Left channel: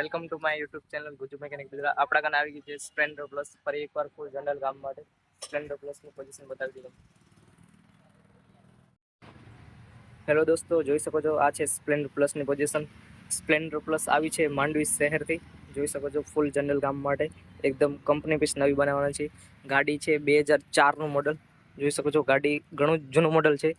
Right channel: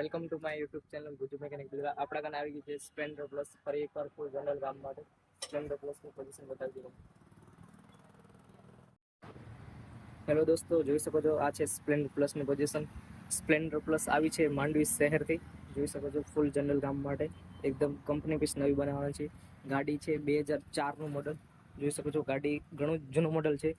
Welcome to my YouTube channel Gujju મેકેનિક ગુજરાત. આપણા કાને આવી ગઈ છે સ્પ્લેન્ડર પ્લસ. ફરી એકવાર ફૂલ જનરલ કામ માટે સ્પ્લેન્ડર પ્લસની પોઝિશન બતાવી દીધું. હેલો દોસ્તો, જોઈ શકો છો આ છે સ્પ્લેન્ડર પ્લસની પોઝિશન. સ્પ્લેન્ડર પ્લસ આવી છે માંડવી શહેરથી. જોઈ શકો છો ફૂલ જનરલ કામ માટે એકદમ કંપની પીસ નવી બનાવવાના છે. ગાડી છે 2004નું મોડલ. જોઈ શકો છો ગાડી ઘણું જૂનું મોડલ છે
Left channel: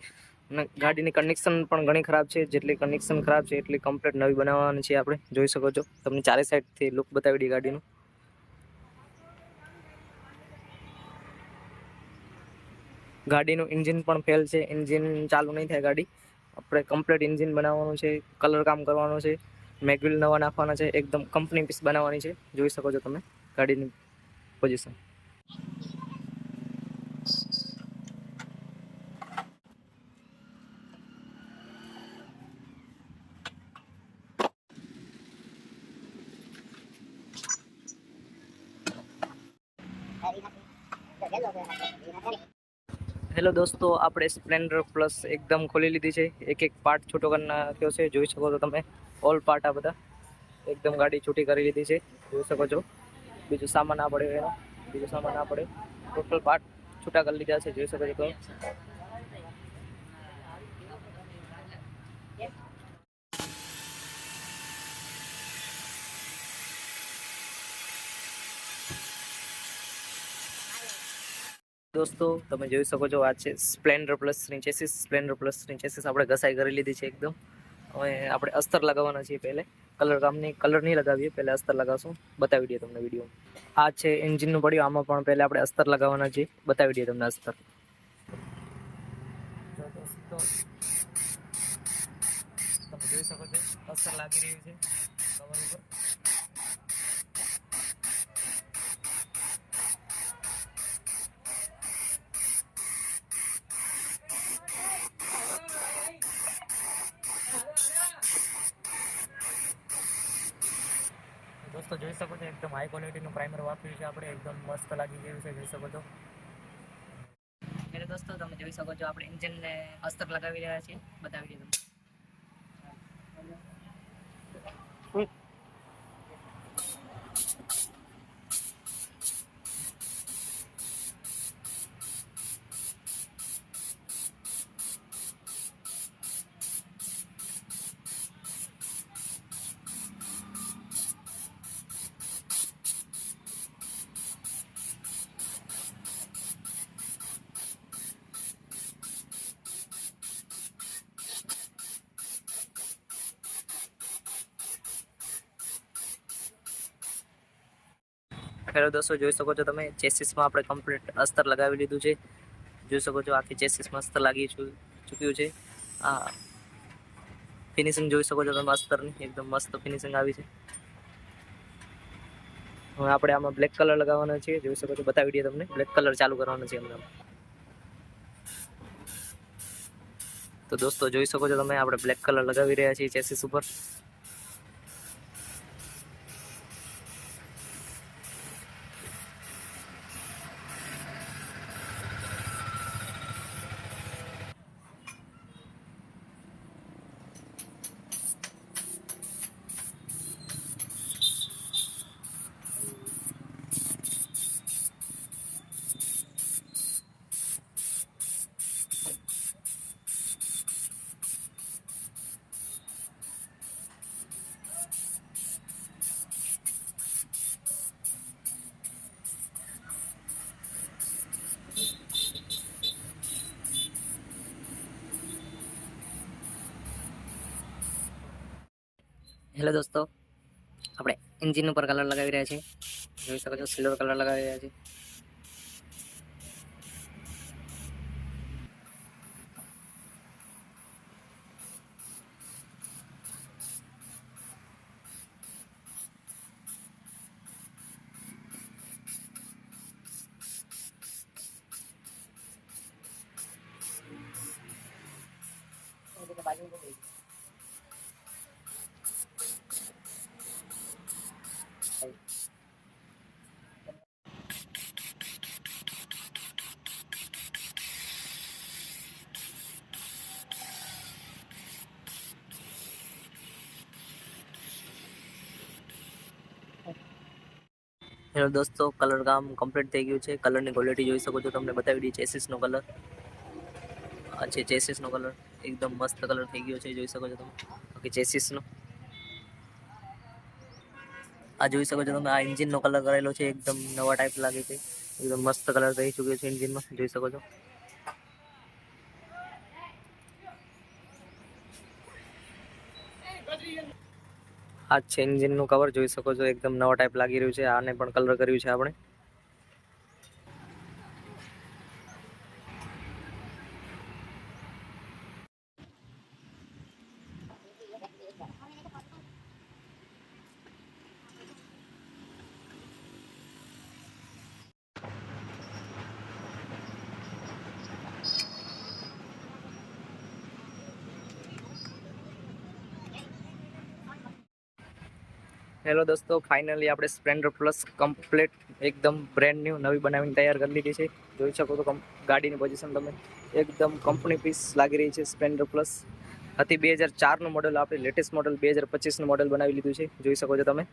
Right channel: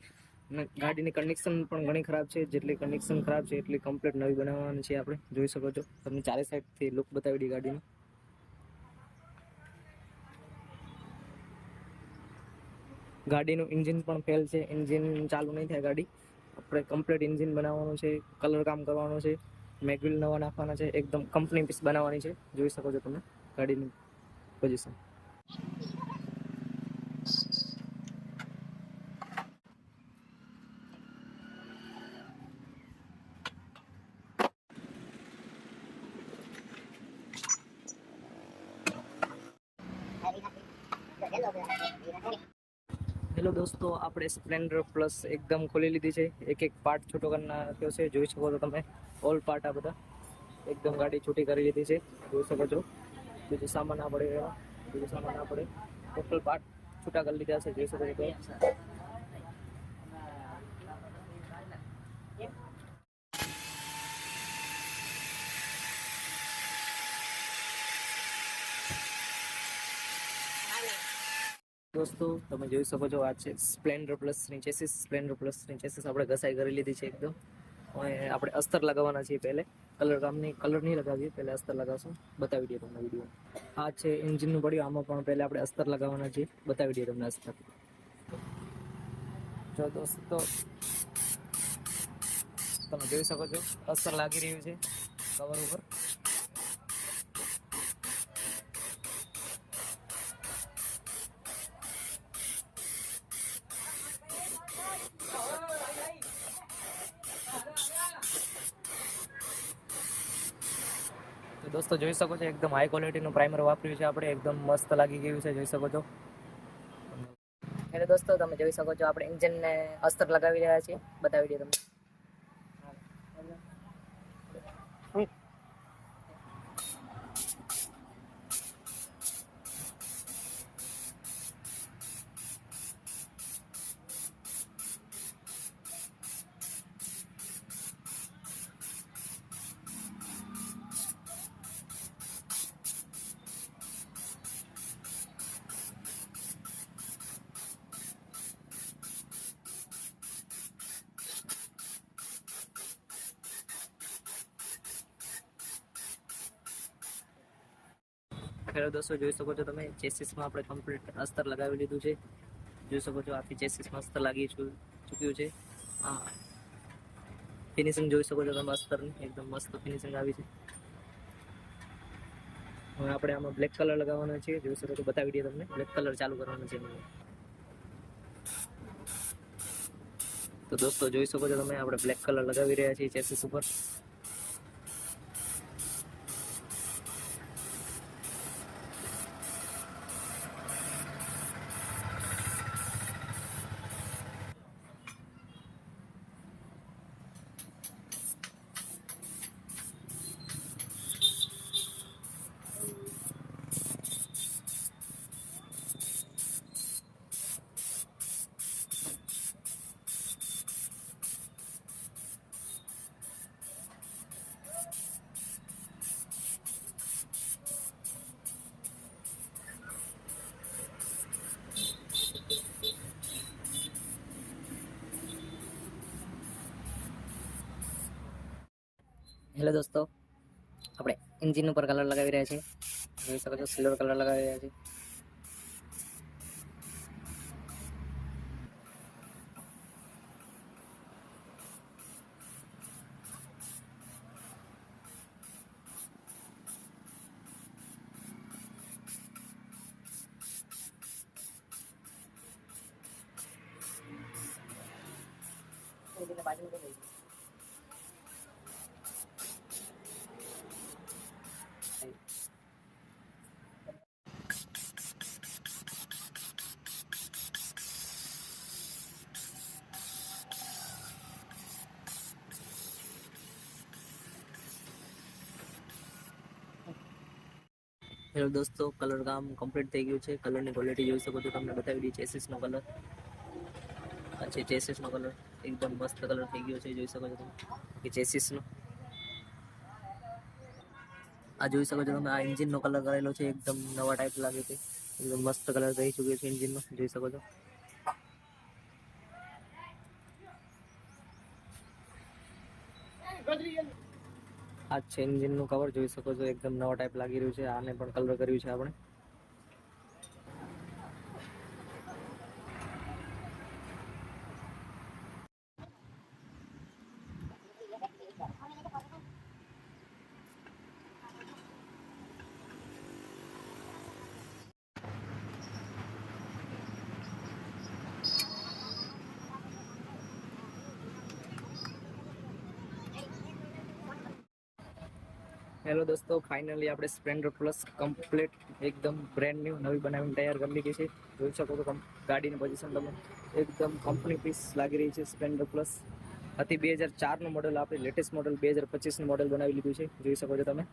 અને ગાડીની કન્ડિશન પણ ઘણી ખરાબ છે. જેટલી કન્ડિશન ખરાબ છે એટલી કમ્પ્લીટ નવી બનાવવાની છે આપણે. જોઈ શકો છો, તમને ચારે સાઈડથી લુક બતાવી દઈએ ગાડીનું. ગાડીનું એન્જિન પણ ફેલ છે, એન્જિન ચાલુ નહીં થાય ગાડી. આપણે કમ્પ્લીટ એન્જિન બનાવવાનું છે, કલર કામ કરવાનું છે, મેગવિલ નવા નાખવાના છે, એકદમ કંપની પીસ બનાવવાની છે. જોઈ શકો છો તમે ગાડીની પોઝિશન. હેલો દોસ્તો, આપણે સ્પ્લેન્ડર પ્લસ એકદમ ખોલી લીધી છે. એક એક પાર્ટ છૂટો કરી નાખ્યો છે. જોઈ શકો છો તમે ઓલ પાર્ટ આ બધા એકદમ ગાડી છૂટી કરી લીધી છે. જોઈ શકો છો. બીજું સામાન ના પડે એનો, બીજું સામાન ના પડે, ટોટલ પાર્ટ છૂટા કરી લીધા છે. જોઈ શકો છો તમે. દોસ્તો તમે જોઈ શકો છો આ છે સ્પ્લેન્ડર પ્લસની ચેસીસ. સ્પ્લેન્ડર પ્લસની ચેસીસ આપણે ઘસાઈ કરી લીધી છે એકદમ. હવે આપણે અસ્તર લગાવવાના છીએ. પહેલે કલર નહીં લગાવીએ, પહેલે અસ્તર લગાવશું. બતાવી દઈએ તમને વિડીયોમાં. આ છે એન્જિનનું પડ્યું, આમાં પણ પહેલે આપણે અસ્તર લગાવવાના છીએ. બતાવી દઈએ તમને અસ્તર. જો દોસ્તો તમે જોઈ શકો છો અસ્તર લાગી રહ્યું છે કવર ઉપર. દોસ્તો જોઈ શકો છો એકદમ હાઈ ક્વોલિટીનું પ્રાઇમર વાપર્યું છે આપણે. એકદમ મસ્ત લાગી ગયું છે. જોઈ શકો છો. એટલે દોસ્તો તમે જોઈ શકો છો આપણે એન્જિનને અસ્તર લગાવી રહ્યા છીએ. બતાવી દઈએ તમને. હેલો દોસ્તો, જોઈ શકો છો તમે ચેસીસમાં આપણે કમ્પ્લીટ અસ્તર લગાવી લીધું છે. જોઈ શકો છો આખી ચેસીસમાં અસ્તર લાગી ચૂક્યું છે. આ ફિનિશિંગ જોઈ શકો છો તમે અસ્તરની, એકદમ મસ્ત ફિનિશિંગ આવી છે. હવે આપણે આમાં બ્લેક કલર લગાવવાનો છે. જોઈ શકો છો, બતાવી દઈએ તમને. બ્લેક કલર ચાલુ કરવાનો છે એમને. તો દોસ્તો જોઈ શકો છો તમે આપણે બ્લેક કલર લગાવી રહ્યા છીએ ચેસીસ ઉપર. હેલો દોસ્તો, આપણે એન્જિન ઉપર કલર લગાવી રહ્યા છીએ. જોઈ શકો છો સિલ્વર કલર લગાવી રહ્યા છીએ. હેલો દોસ્તો, કલર કામ કમ્પ્લીટ થઈ ગયું છે. કલરની ક્વોલિટી જોઈ શકો છો, તમને બતાવી દઈએ. ચેસિસનો કલર આ છે, ચેસિસનો કલર એકદમ મસ્ત કલર થઈ ગયો છે, જોઈ શકો છો તમે. બાકી ચેસિસનો આ જોઈ શકો છો તમે. આ એન્જિનનો કલર કરેલો છે, એકદમ નવા ટાઈપ લાગે છે. એકદમ મસ્ત કલર થઈ ચૂક્યો છે એન્જિનમાં, જોઈ શકો છો. આ છે એન્જિનનું કવર, જોઈ શકો છો. એકદમ નવા ટાઈપ લાગી રહ્યું છે. આને પણ કલર કર્યું છે આપણે. હેલો દોસ્તો, ફાઇનલી આપણે સ્પ્લેન્ડર પ્લસ કમ્પ્લીટ એકદમ બ્રેન્ડ ન્યૂ નવી બનાવીને તૈયાર કરી લીધી છે. જોઈ શકો છો ગાડીની પોઝિશન તમે, એકદમ કંપની પીસ લાગી રહી છે. સ્પ્લેન્ડર પ્લસ હતી 2004નું મોડલ, આપણે લેટેસ્ટ મોડલ 2025નું મોડલ બનાવી લીધું છે. જોઈ શકો છો તમે.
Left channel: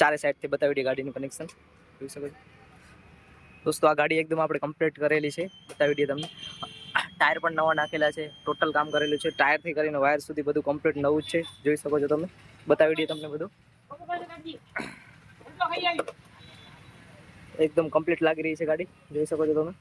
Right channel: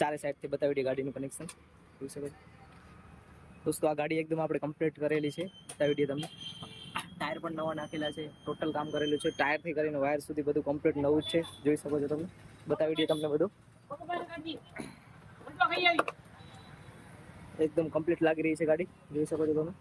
ચારે સાઈડથી બતાવી દઈએ ગાડીનું કનેક્શન, જોઈ શકો છો દોસ્તો. આ ગાડી એકદમ આપણે કમ્પ્લીટ કરેલી છે, બતાવી દઈએ તમને. ટાયર પણ નવા નાખેલા છે, ટોટલ કામ કરેલું છે. ટાયરથી કરીને વાયર સુધી બધું કમ્પ્લીટ નવું જ છે, જોઈ શકો છો તમે. બતાવી દઈએ તમને બધું. એકદમ કમ્પ્લીટ લાગી રહી છે ગાડી, જોઈ શકો છો તમે.